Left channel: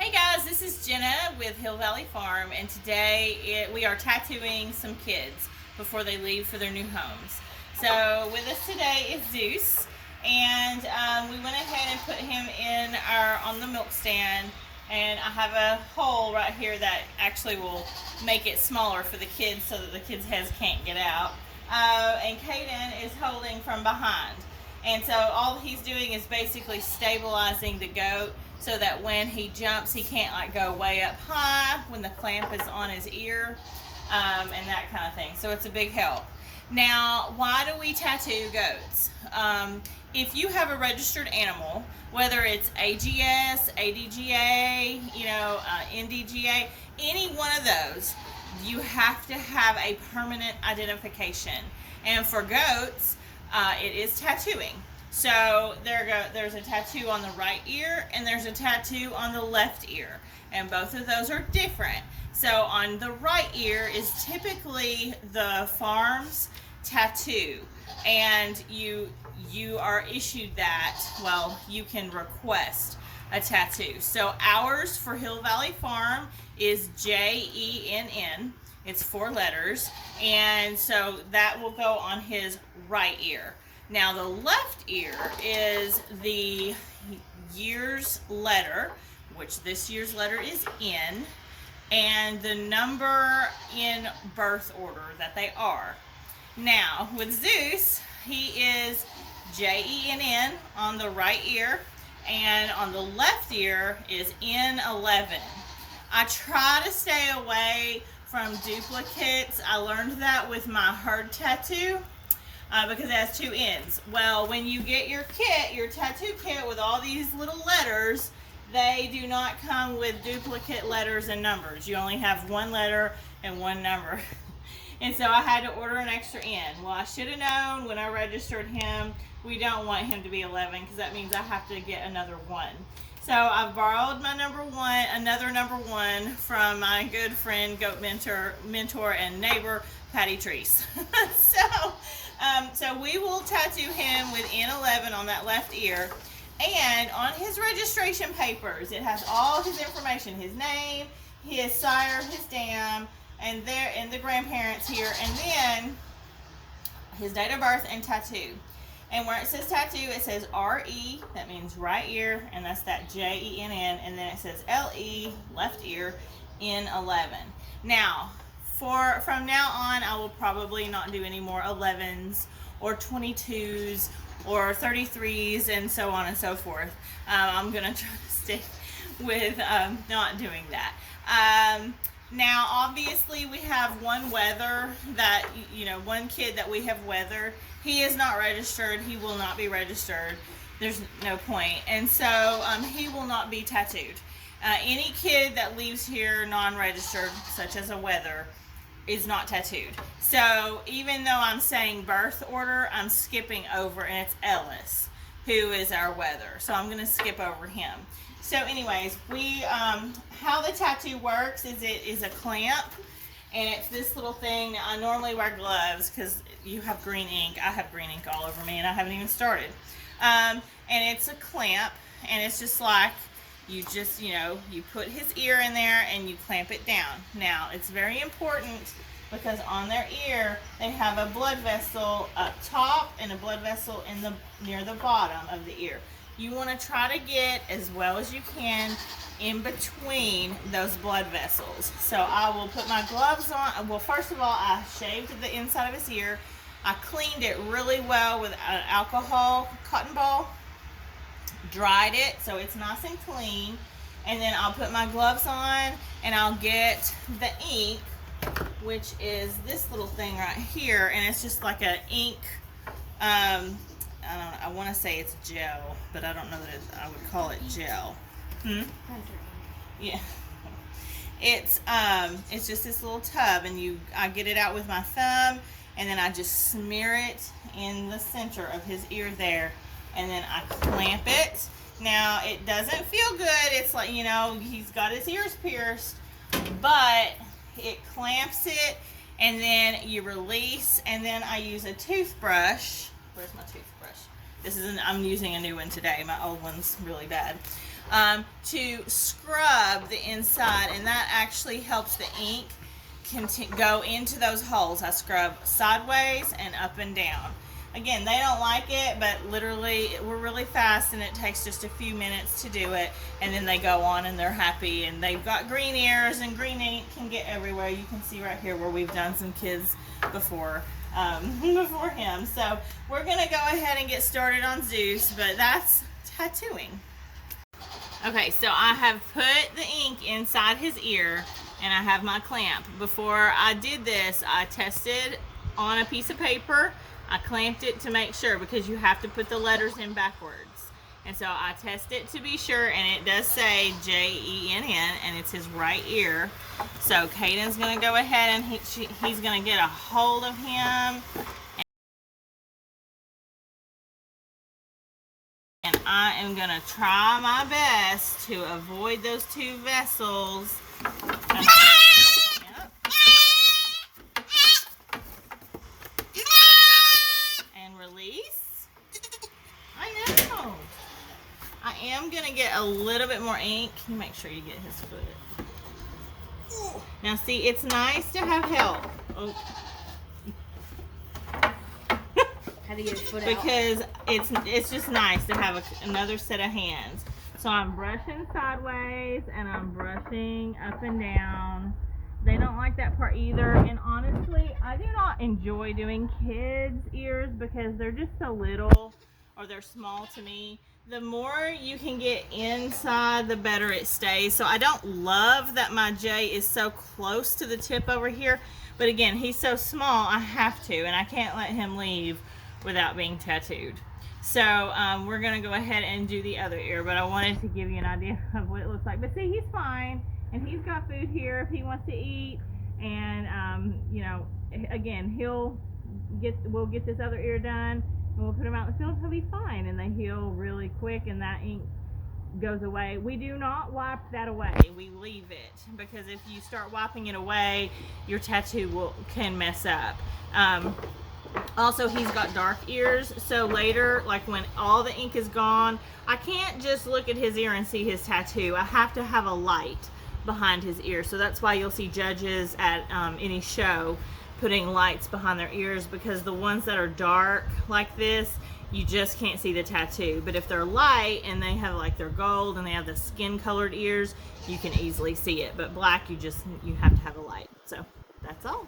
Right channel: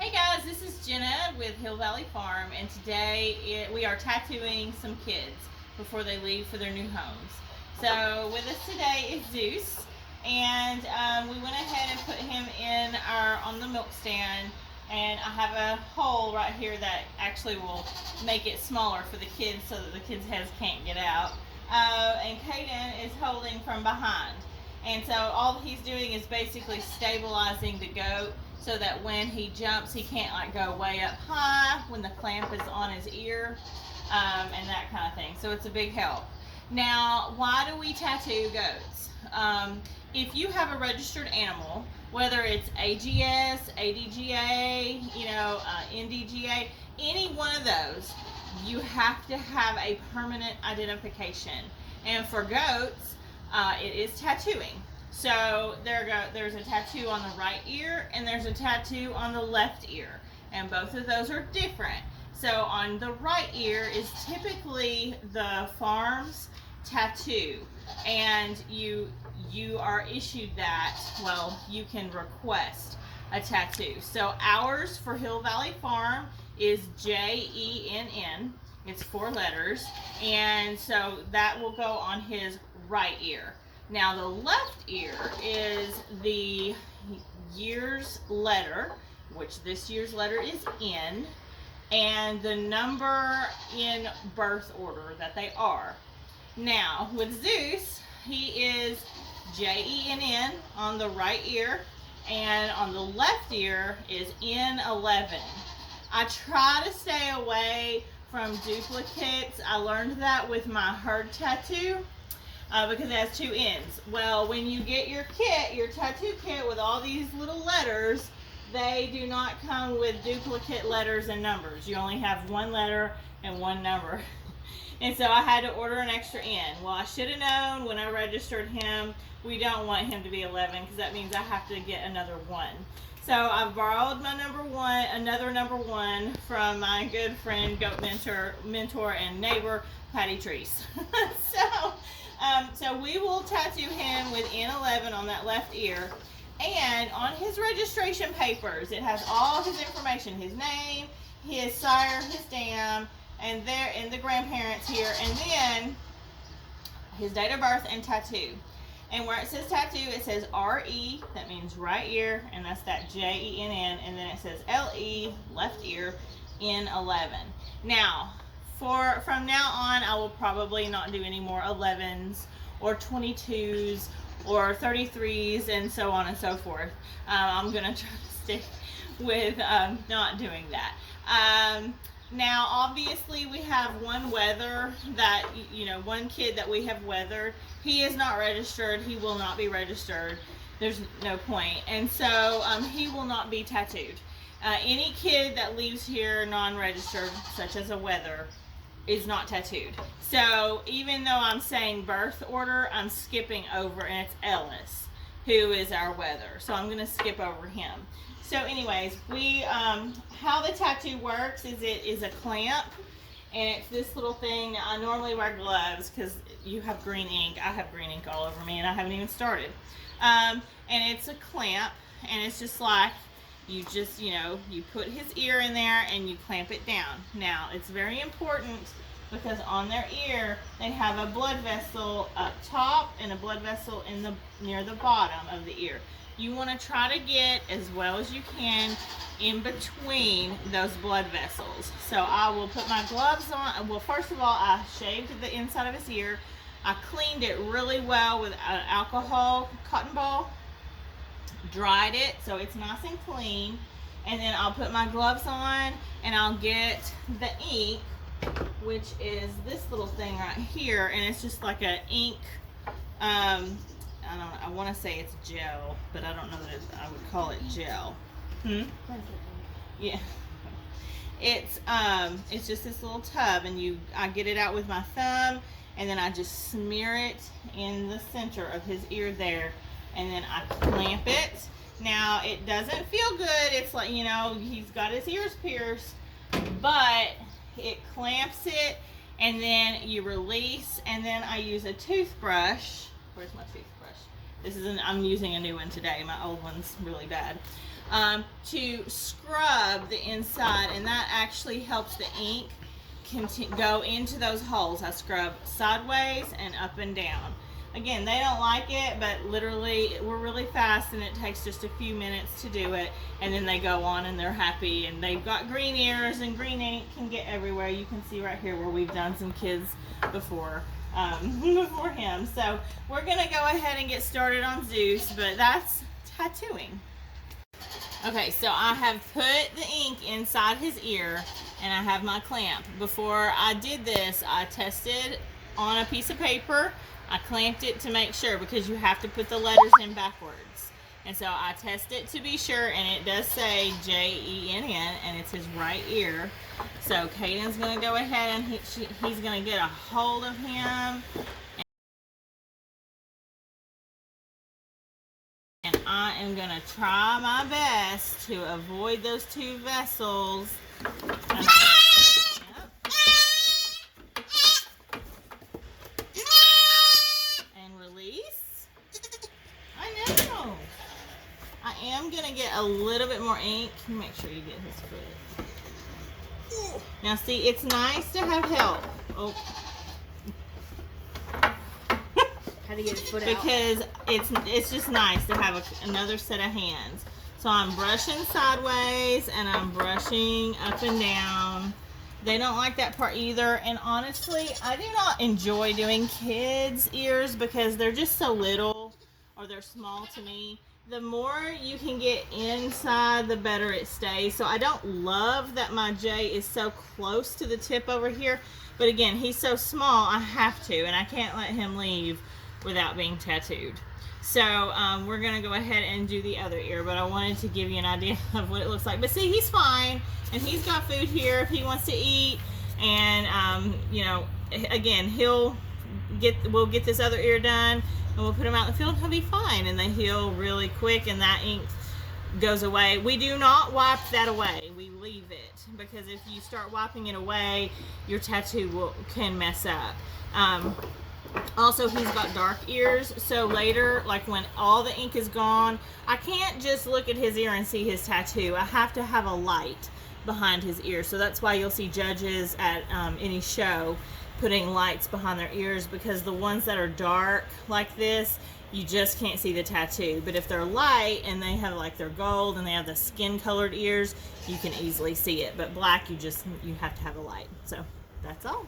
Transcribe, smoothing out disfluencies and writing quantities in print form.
Hey guys, this is Jenna with Hill Valley Farm, and today we are tattooing some kids before they leave for their new homes. So with us today is Zeus, and we went ahead and put him in on the milk stand, and I have a hole right here that actually will make it smaller for the kids so that the kids' heads can't get out. And Caden is holding from behind. And so all he's doing is basically stabilizing the goat so that when he jumps, he can't like go way up high when the clamp is on his ear, and that kind of thing. So it's a big help. Now, why do we tattoo goats? If you have a registered animal, whether it's AGS, ADGA, NDGA, any one of those, you have to have a permanent identification. And for goats, it is tattooing. So there's a tattoo on the right ear and there's a tattoo on the left ear, and both of those are different. So on the right ear is typically the farm's tattoo, and you are issued that. Well, you can request a tattoo. So ours for Hill Valley Farm is JENN. It's 4 letters, and so that will go on his right ear. Now the left ear is the year's letter, which this year's letter is N, and the number in birth order that they are. Now with Zeus, he is JENN on the right ear, and on the left ear is N11. I try to stay away from duplicates. I learned that with my herd tattoo because it has 2 ends. Well, when you get your kit, your tattoo kit with all these little letters, they do not come with duplicate letters and numbers. You only have 1 letter and 1 number. And so I had to order an extra N. Well, I should have known when I registered him, we don't want him to be 11 because that means I have to get another 1. So I borrowed my another number 1 from my good friend, goat mentor and neighbor, Patty Treese. So we will tattoo him with N11 on that left ear, and on his registration papers, it has all his information: his name, his sire, his dam, and the grandparents here, and then his date of birth and tattoo. And where it says tattoo, it says RE, that means right ear, and that's that JENN, and then it says LE, left ear, N11. Now, from now on, I will probably not do any more 11s or 22s or 33s and so on and so forth. I'm going to try to stick with not doing that. Now, obviously, we have one wether that, one kid that we have weathered. He is not registered. He will not be registered. There's no point. And so he will not be tattooed. Any kid that leaves here non-registered, such as a wether, is not tattooed. So even though I'm saying birth order, I'm skipping over, and it's Ellis, who is our wether. So I'm going to skip over him. So anyways, how the tattoo works is it is a clamp, and it's this little thing. I normally wear gloves because you have green ink. I have green ink all over me, and I haven't even started. And it's a clamp, and it's just like you put his ear in there and you clamp it down. Now, it's very important because on their ear, they have a blood vessel up top and a blood vessel near the bottom of the ear. You want to try to get as well as you can in between those blood vessels. So I will put my gloves on. Well, first of all, I shaved the inside of his ear. I cleaned it really well with an alcohol cotton ball, dried it so it's nice and clean, and then I'll put my gloves on and I'll get the ink, which is this little thing right here, and it's just like an ink, I want to say it's gel, but I don't know that I would call it gel. Yeah. It's just this little tub, and I get it out with my thumb, and then I just smear it in the center of his ear there, and then I clamp it. Now, it doesn't feel good. It's like, he's got his ears pierced, but it clamps it, and then you release, and then I use a toothbrush. Where's my toothbrush? I'm using a new one today. My old one's really bad. to scrub the inside, and that actually helps the ink go into those holes. I scrub sideways and up and down. Again, they don't like it, but literally we're really fast and it takes just a few minutes to do it, and then they go on and they're happy, and they've got green ears, and green ink can get everywhere. You can see right here where we've done some kids before before him. So we're gonna go ahead and get started on Zeus, but that's tattooing. Okay, so I have put the ink inside his ear and I have my clamp. Before I did this, I tested on a piece of paper. I clamped it to make sure, because you have to put the letters in backwards. And so I tested it to be sure, and it does say J-E-N-N, and it's his right ear. So Caden's going to go ahead and he's going to get a hold of him. And I am going to try my best to avoid those two vessels. And release. I know. I am going to get a little bit more ink. Make sure you get his foot. Now see, it's nice to have help. Oh. How to get his foot out? Because it's just nice to have another set of hands. So I'm brushing sideways and I'm brushing up and down. They don't like that part either, and honestly, I do not enjoy doing kids' ears because they're just so little, or they're small to me. The more you can get inside, the better it stays. So I don't love that my J is so close to the tip over here, but again, he's so small, I have to, and I can't let him leave without being tattooed. So we're gonna go ahead and do the other ear, but I wanted to give you an idea of what it looks like. But see, he's fine, and he's got food here if he wants to eat, and you know, again, we'll get this other ear done, and we'll put him out in the field, and he'll be fine, and they heal really quick, and that ink goes away. We do not wipe that away, we leave it, because if you start wiping it away, your tattoo can mess up. Also, he's got dark ears, so later, like when all the ink is gone, I can't just look at his ear and see his tattoo. I have to have a light behind his ear. So that's why you'll see judges at any show putting lights behind their ears, because the ones that are dark like this, you just can't see the tattoo. But if they're light and they have like they're gold and they have the skin colored ears, you can easily see it. But black, you have to have a light. So that's all.